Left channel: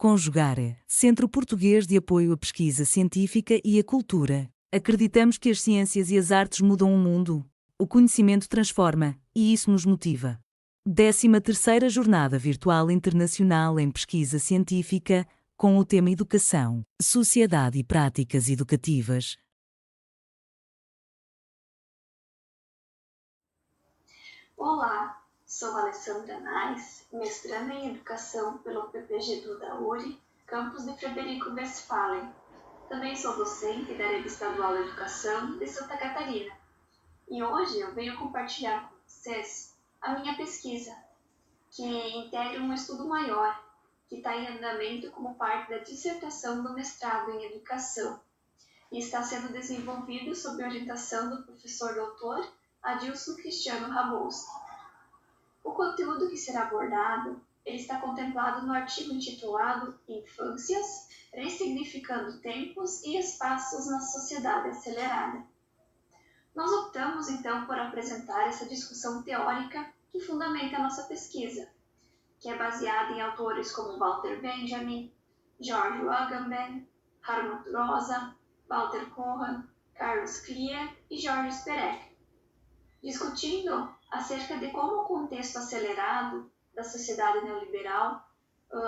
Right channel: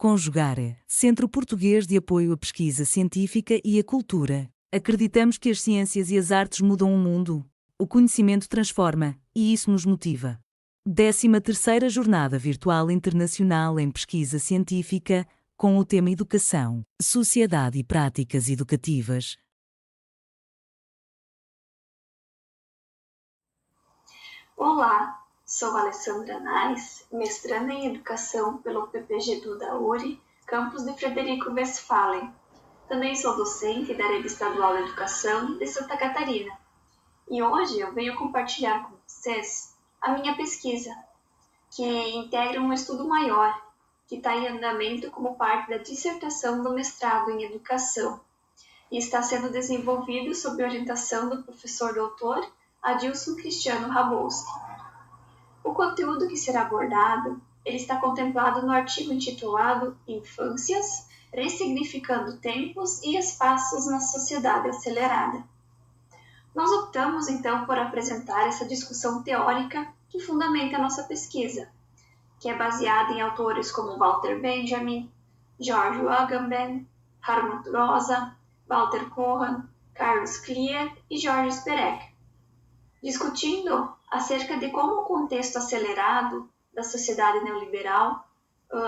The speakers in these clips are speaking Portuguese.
Conjugare, Centro Português de Apoio à Pesquisa Científica e à Cultura. Acreditamos que as ciências e as artes mudam o mundo. O conhecimento transforma, e isso nos motiva. 13ª Jornada Virtual Internacional em Pesquisa Científica, com o tema Educação, Sociedade e Práticas Educativas. Olá, sou Alessandra Nais, mestranda em Educação pelo PPGedu da URI, campus de Frederico Westphalen. Também sou docente da Rede Estadual de Educação de Santa Catarina. E hoje eu venho compartilhar com vocês a minha pesquisa, que integra um estudo maior, que está em andamento como parte da dissertação do mestrado em Educação, e está sendo desenvolvido sob orientação do professor doutor Adilson Cristiano Rabolski. O conteúdo que será abordado ele está contemplado no artigo intitulado Infâncias, ressignificando tempos e espaços na sociedade acelerada. Nós optamos então por apresentar essa discussão teórica que fundamenta a nossa pesquisa, que é baseada em autores como Walter Benjamin, George Agamben, Hartmut Rosa, Walter Cohen, Carlos Clear e Georges Perec, discutindo acerca de como o contexto acelerado da sociedade neoliberal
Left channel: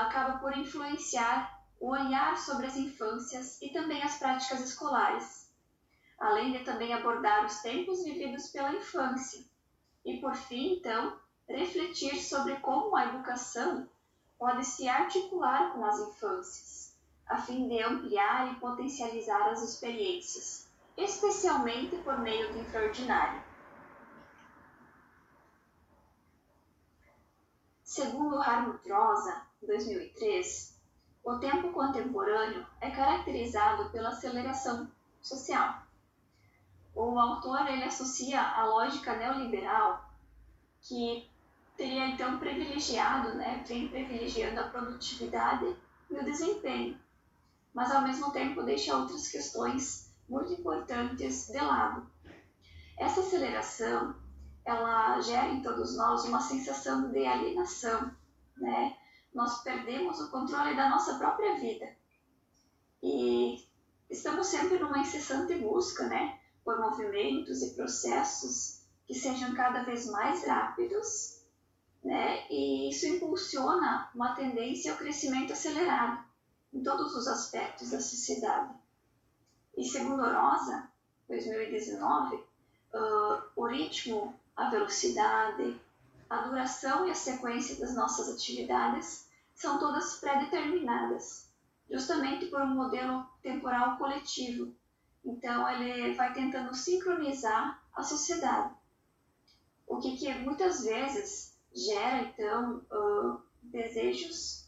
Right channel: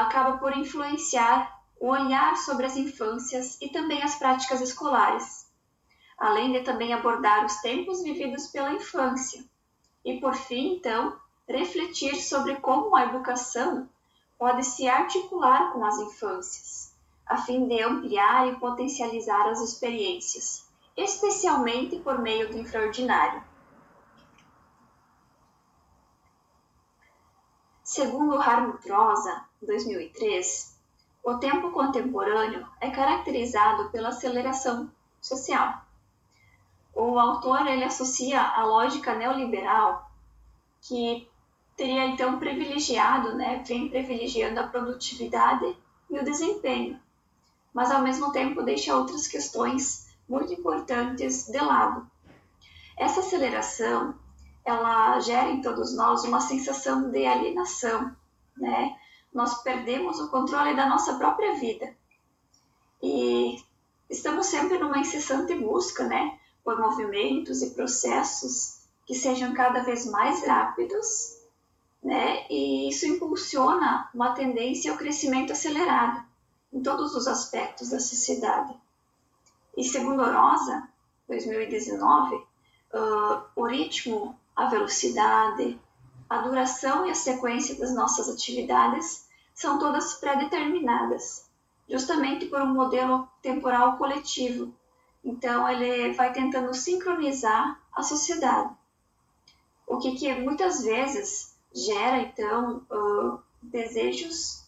acaba por influenciar o olhar sobre as infâncias e também as práticas escolares, além de também abordar os tempos vividos pela infância e, por fim, então, refletir sobre como a educação pode se articular com as infâncias, a fim de ampliar e potencializar as experiências, especialmente por meio do infraordinário. Segundo Hartmut Rosa, 2003, o tempo contemporâneo é caracterizado pela aceleração social. O autor ele associa a lógica neoliberal, que teria então vem privilegiando a produtividade e o desempenho, mas ao mesmo tempo deixa outras questões muito importantes de lado. Essa aceleração ela gera em todos nós uma sensação de alienação, né? Nós perdemos o controle da nossa própria vida e estamos sempre numa incessante busca, né, por movimentos e processos que sejam cada vez mais rápidos, né? E isso impulsiona uma tendência ao crescimento acelerado em todos os aspectos da sociedade. E segundo Rosa, 2019, o ritmo, a velocidade, a duração e a sequência das nossas atividades são todas pré-determinadas, justamente por um modelo temporal coletivo. Então, ele vai tentando sincronizar a sociedade, o que muitas vezes gera, então, desejos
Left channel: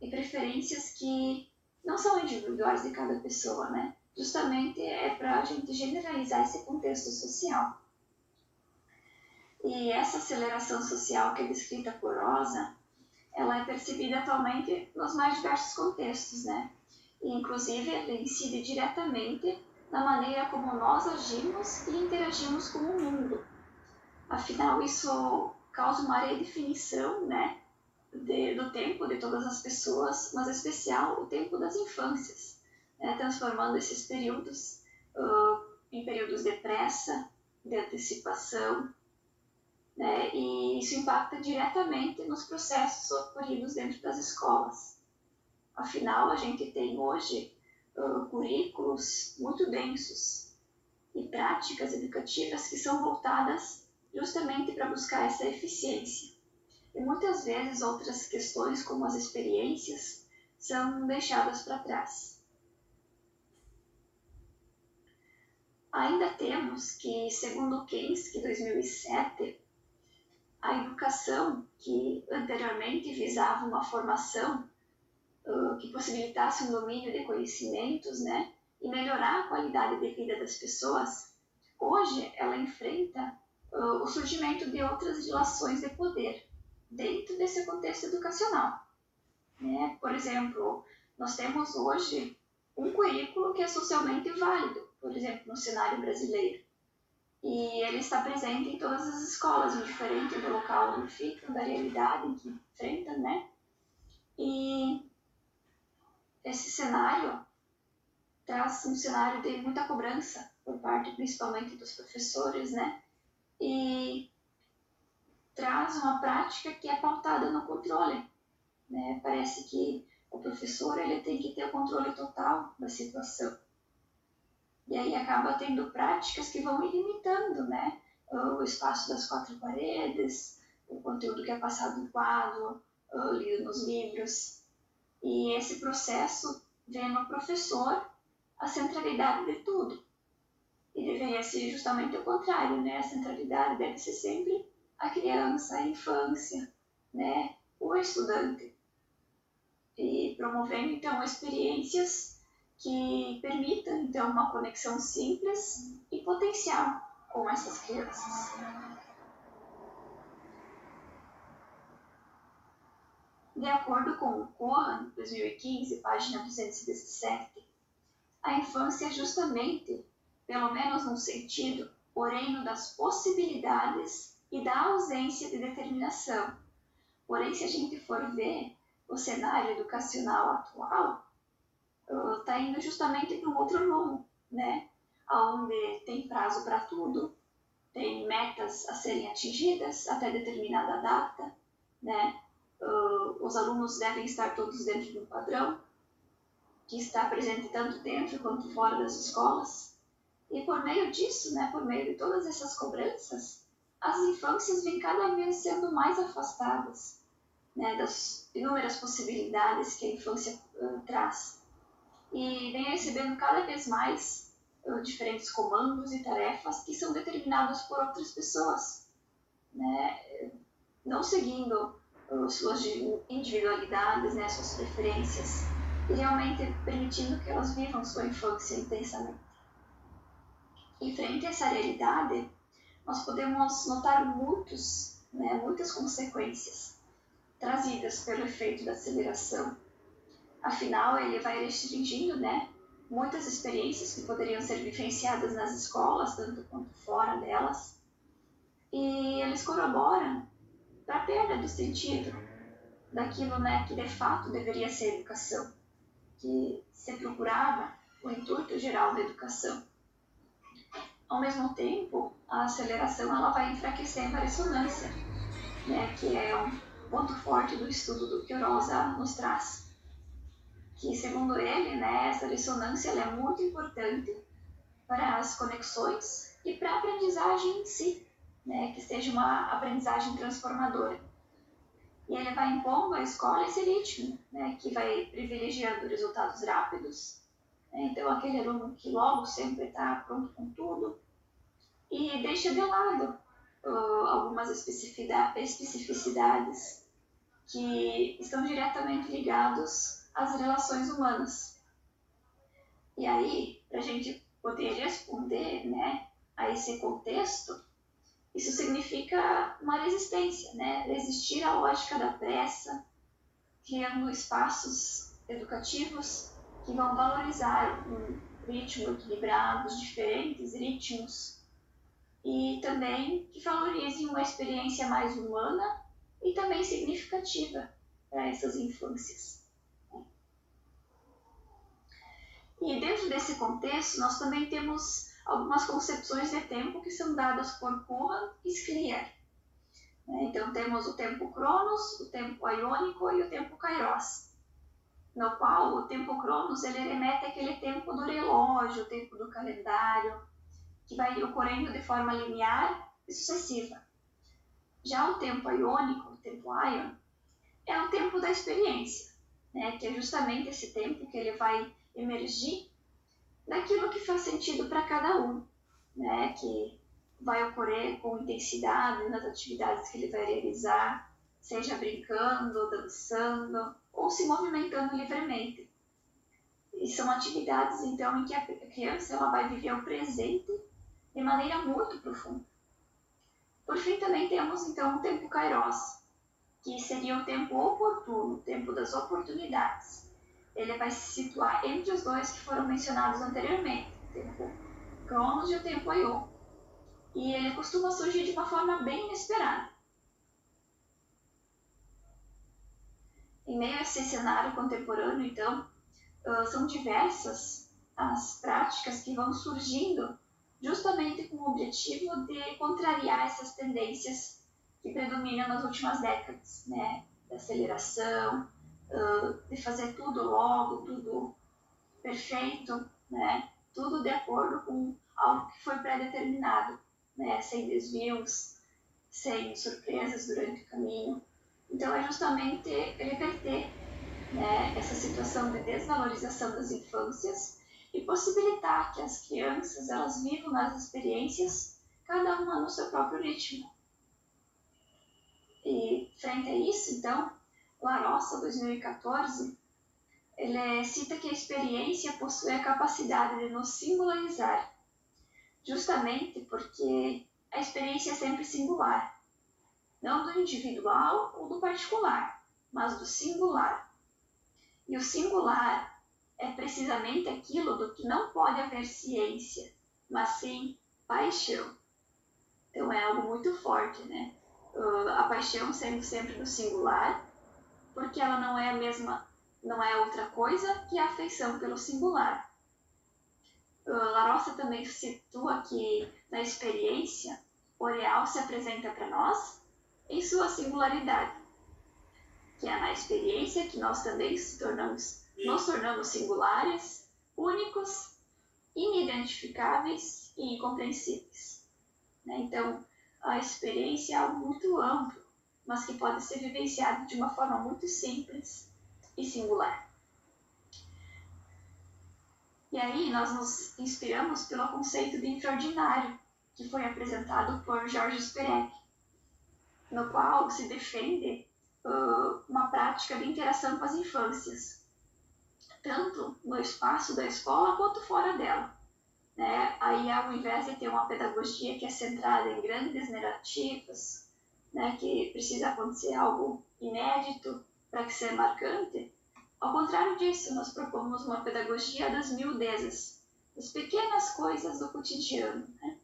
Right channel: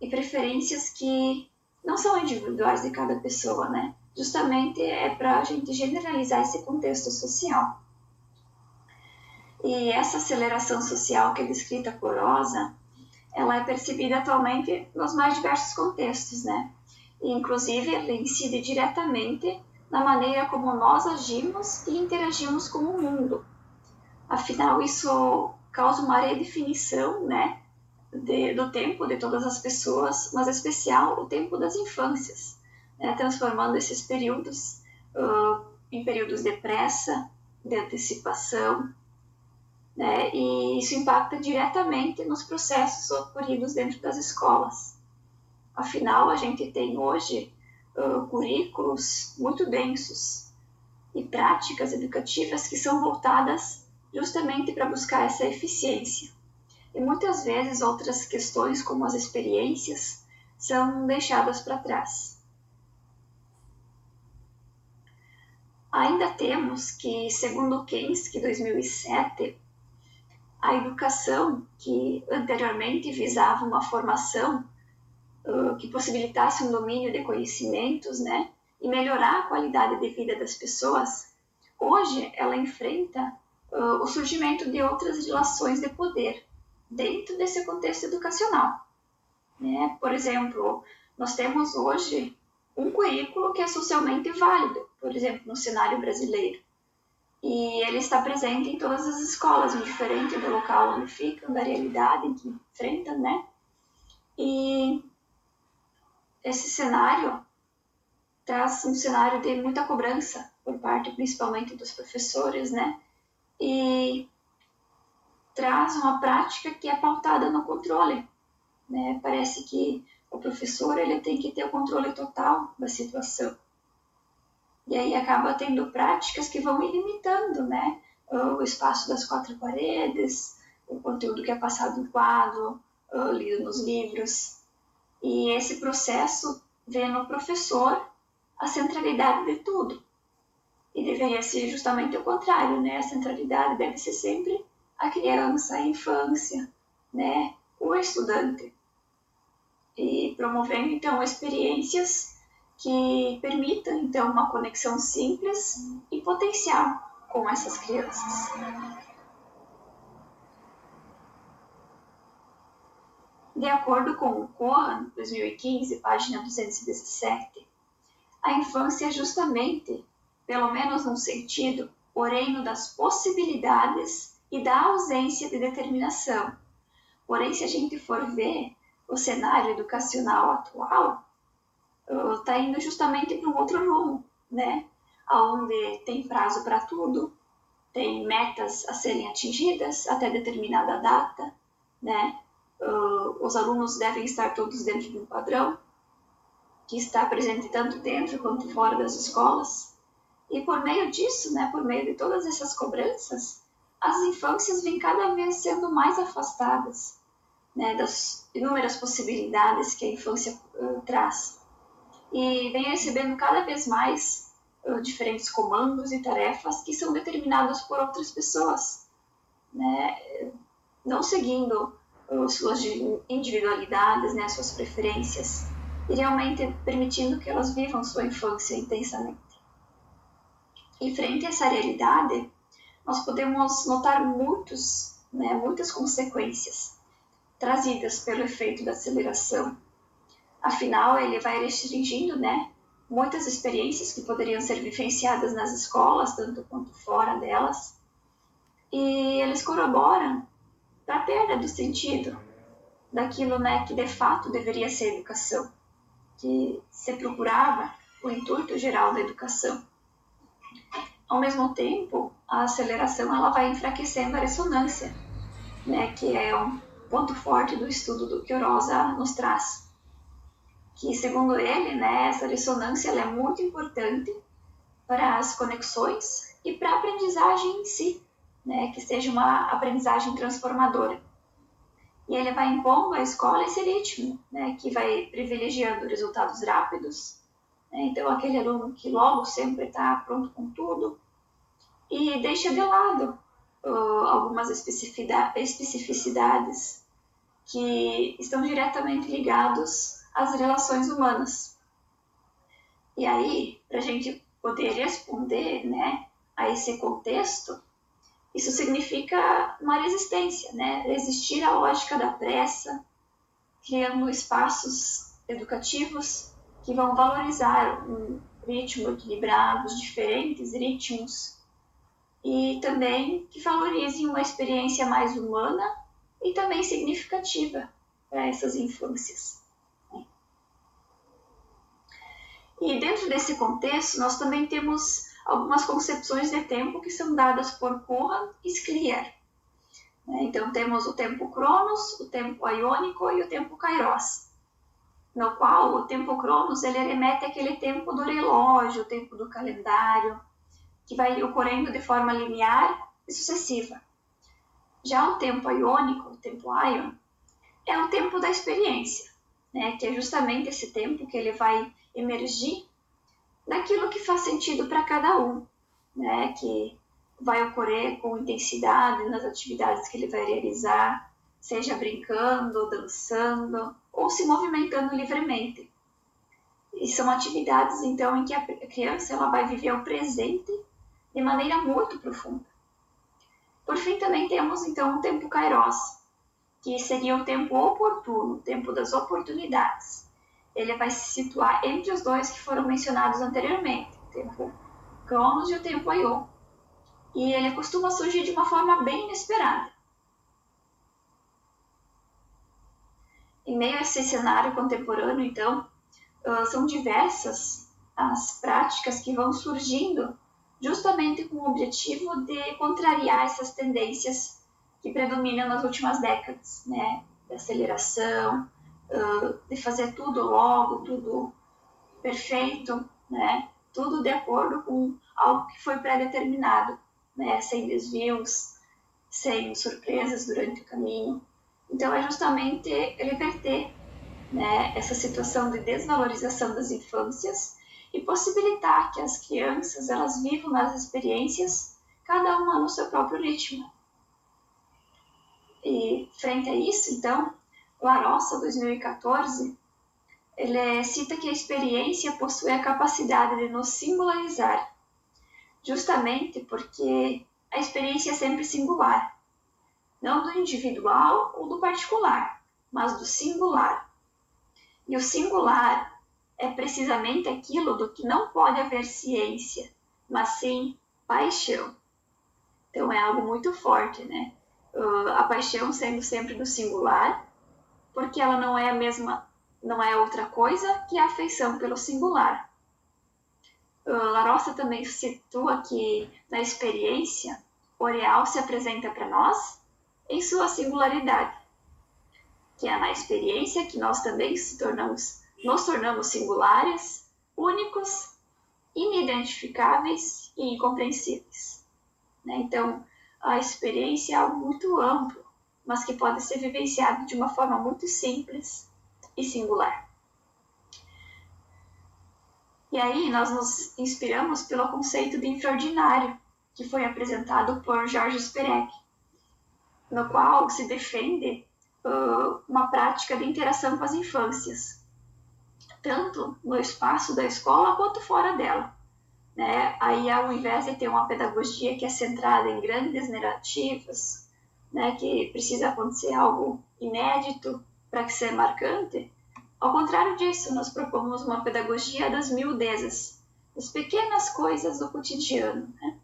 e preferências que não são individuais de cada pessoa, né? Justamente é para a gente generalizar esse contexto social. E essa aceleração social que é descrita por Rosa, ela é percebida atualmente nos mais diversos contextos, né? E, inclusive, ela incide diretamente na maneira como nós agimos e interagimos com o mundo. Afinal, isso causa uma redefinição, né, do tempo de todas as pessoas, mas em especial o tempo das infâncias, né, transformando esses períodos em períodos de pressa, de antecipação, né, e isso impacta diretamente nos processos ocorridos dentro das escolas. Afinal, a gente tem hoje currículos muito densos e práticas educativas que são voltadas justamente para buscar essa eficiência. E muitas vezes outras questões, como as experiências, são deixadas para trás. Ainda temos que, segundo Kensky, 2007, a educação, que anteriormente visava uma formação que possibilitasse um domínio de conhecimentos, né, e melhorar a qualidade de vida das pessoas, hoje ela enfrenta o surgimento de outras relações de poder dentro desse contexto educacional, né? Por exemplo, nós temos hoje um currículo que é socialmente válido, por exemplo, no cenário brasileiro, e ele está presente em todas as escolas, indiferente do local onde ficam, da realidade em que enfrentam, né? E esse cenário traz um cenário de muita cobrança por parte principalmente dos professores, né? E traz uma prática que é pautada no controle, né? Parece que o professor ele tem que ter o controle total da situação. E aí acaba tendo práticas que vão ilimitando, né? O espaço das quatro paredes, o conteúdo que é passado no quadro, lido nos livros. E esse processo vê no professor a centralidade de tudo. E deveria ser justamente o contrário, né? A centralidade deve ser sempre a criança, a infância, né? O estudante. E promovendo, então, experiências que permitam, então, uma conexão simples e potencial com essas crianças. De acordo com o Cohen, 2015, página 217, a infância é justamente, pelo menos num sentido, o reino das possibilidades e da ausência de determinação. Porém, se a gente for ver o cenário educacional atual, está indo justamente para um outro rumo, né? Onde tem prazo para tudo, tem metas a serem atingidas até determinada data, né? Os alunos devem estar todos dentro de um padrão que está presente tanto dentro quanto fora das escolas. E por meio disso, né, por meio de todas essas cobranças, as infâncias vêm cada vez sendo mais afastadas, né, das inúmeras possibilidades que a infância traz. E vem recebendo cada vez mais diferentes comandos e tarefas que são determinados por outras pessoas, né, não seguindo suas individualidades, né, suas preferências, e realmente permitindo que elas vivam sua infância intensamente. E frente a essa realidade, nós podemos notar muitas consequências trazidas pelo efeito da aceleração. Afinal, ele vai restringindo, né, muitas experiências que poderiam ser vivenciadas nas escolas, tanto quanto fora delas, e eles corroboram para a perda do sentido daquilo, né, que de fato deveria ser educação, que se procurava o intuito geral da educação. Ao mesmo tempo, a aceleração ela vai enfraquecendo a ressonância, né, que é um ponto forte do estudo do que o Rosa nos traz. Que, segundo ele, né, essa ressonância ela é muito importante para as conexões e para a aprendizagem em si, né, que seja uma aprendizagem transformadora. E ele vai impondo à escola esse ritmo, né, que vai privilegiando resultados rápidos. Né, então, aquele aluno que logo sempre está pronto com tudo e deixa de lado algumas especificidades que estão diretamente ligados às relações humanas. E aí, para a gente poder responder, né, a esse contexto, isso significa uma resistência, né? Resistir à lógica da pressa, criando espaços educativos que vão valorizar um ritmo equilibrado, os diferentes ritmos, e também que valorizem uma experiência mais humana e também significativa para essas infâncias. E dentro desse contexto, nós também temos algumas concepções de tempo que são dadas por Cohen e Scliar. Então, temos o tempo Cronos, o tempo Iônico e o tempo Kairos, no qual o tempo Cronos ele remete àquele tempo do relógio, o tempo do calendário, que vai ocorrendo de forma linear e sucessiva. Já o tempo Iônico, o tempo Ion, é o tempo da experiência, né, que é justamente esse tempo que ele vai emergir daquilo que faz sentido para cada um, né, que vai ocorrer com intensidade nas atividades que ele vai realizar, seja brincando, dançando ou se movimentando livremente. E são atividades, então, em que a criança ela vai viver o presente de maneira muito profunda. Por fim, também temos, então, o tempo Kairos, que seria o tempo oportuno, o tempo das oportunidades. Ele vai se situar entre os dois que foram mencionados anteriormente, o tempo Cronos e o tempo Ion. E ele costuma surgir de uma forma bem inesperada. Em meio a esse cenário contemporâneo, então, são diversas as práticas que vão surgindo justamente com o objetivo de contrariar essas tendências que predominam nas últimas décadas, né? De aceleração, de fazer tudo logo, tudo perfeito, né? Tudo de acordo com algo que foi pré-determinado, né? Sem desvios, sem surpresas durante o caminho. Então, é justamente reverter, né, essa situação de desvalorização das infâncias e possibilitar que as crianças elas vivam as experiências, cada uma no seu próprio ritmo. E, frente a isso, então, Larossa, 2014, ele cita que a experiência possui a capacidade de nos singularizar, justamente porque a experiência é sempre singular, não do individual ou do particular, mas do singular. E o singular é precisamente aquilo do que não pode haver ciência, mas sim paixão. Então é algo muito forte, né? A paixão sendo sempre do singular, porque ela não é a mesma, não é outra coisa que a afeição pelo singular. Larossa também situa que na experiência o real se apresenta para nós em sua singularidade, que é na experiência que nós também nos tornamos singulares, únicos, inidentificáveis e incompreensíveis. Né? Então, a experiência é algo muito amplo, mas que pode ser vivenciado de uma forma muito simples e singular. E aí nós nos inspiramos pelo conceito de infraordinário, que foi apresentado por Jorge Perec, no qual se defende uma prática de interação com as infâncias, tanto no espaço da escola quanto fora dela. Né? Aí, ao invés de ter uma pedagogia que é centrada em grandes narrativas, né, que precisa acontecer algo inédito para que seja marcante, ao contrário disso, nós propomos uma pedagogia das miudezas, das pequenas coisas do cotidiano, né,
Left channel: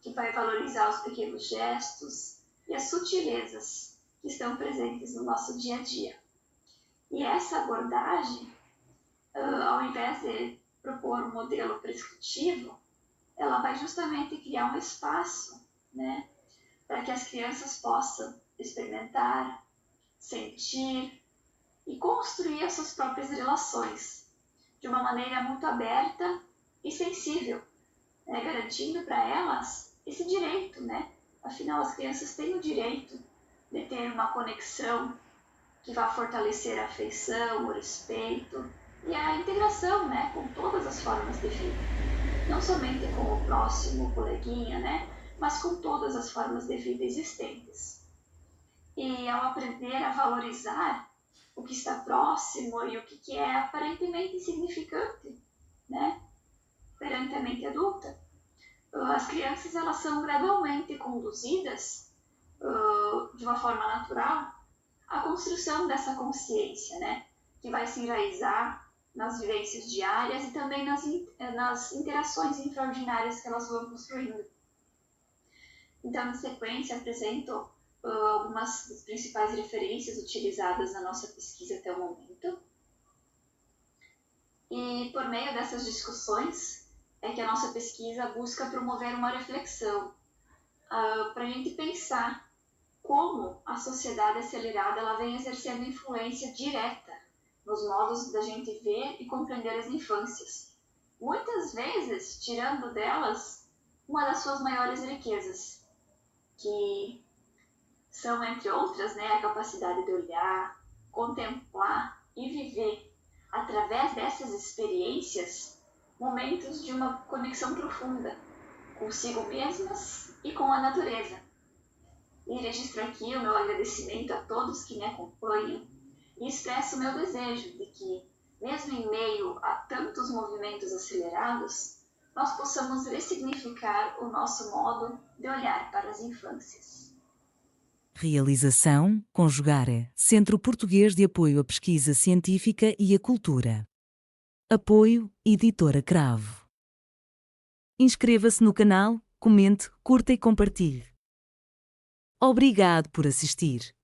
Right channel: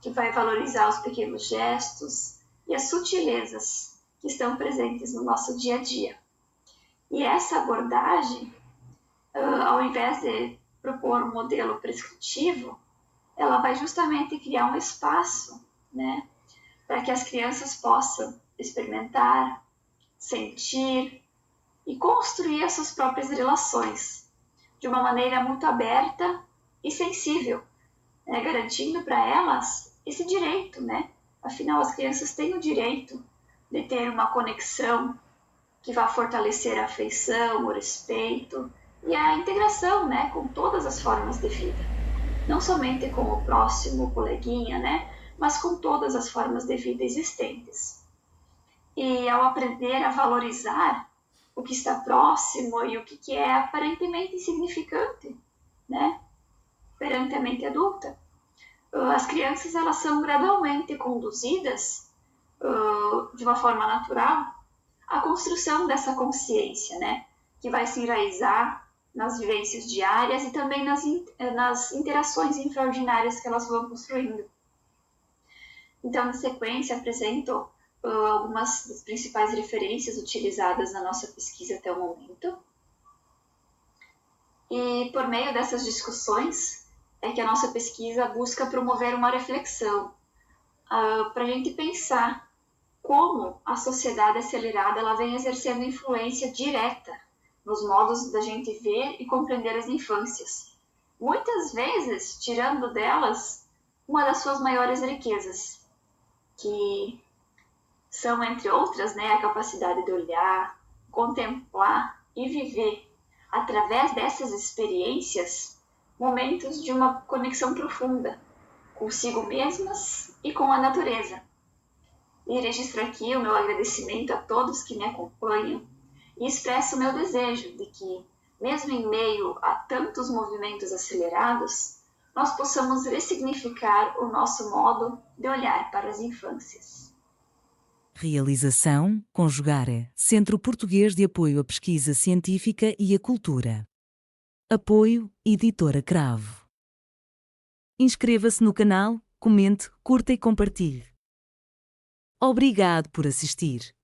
que vai valorizar os pequenos gestos e as sutilezas que estão presentes no nosso dia a dia. E essa abordagem, ao invés de propor um modelo prescritivo, ela vai justamente criar um espaço, né, para que as crianças possam experimentar, sentir e construir as suas próprias relações de uma maneira muito aberta e sensível, né, garantindo para elas esse direito, né? Afinal, as crianças têm o direito de ter uma conexão que vá fortalecer a afeição, o respeito e a integração, né, com todas as formas de vida. Não somente com o próximo, o coleguinha, né, mas com todas as formas de vida existentes. E ao aprender a valorizar o que está próximo e o que é aparentemente insignificante, né, perante a mente adulta, as crianças elas são gradualmente conduzidas de uma forma natural à construção dessa consciência, né, que vai se enraizar nas vivências diárias e também nas interações infraordinárias que elas vão construindo. Então, na sequência, apresento algumas das principais referências utilizadas na nossa pesquisa até o momento. E por meio dessas discussões é que a nossa pesquisa busca promover uma reflexão para a gente pensar como a sociedade acelerada ela vem exercendo influência direta nos modos da gente ver e compreender as infâncias. Muitas vezes, tirando delas uma das suas maiores riquezas, que são, entre outras, né, a capacidade de olhar, contemplar e viver, através dessas experiências, momentos de uma conexão profunda consigo mesmas e com a natureza. E registro aqui o meu agradecimento a todos que me acompanham e expresso o meu desejo de que, mesmo em meio a tantos movimentos acelerados, nós possamos ressignificar o nosso modo de olhar para as infâncias. Realização, Conjugare, Centro Português de Apoio à Pesquisa Científica e à Cultura. Apoio, Editora Cravo. Inscreva-se no canal, comente, curta e compartilhe. Obrigado por assistir.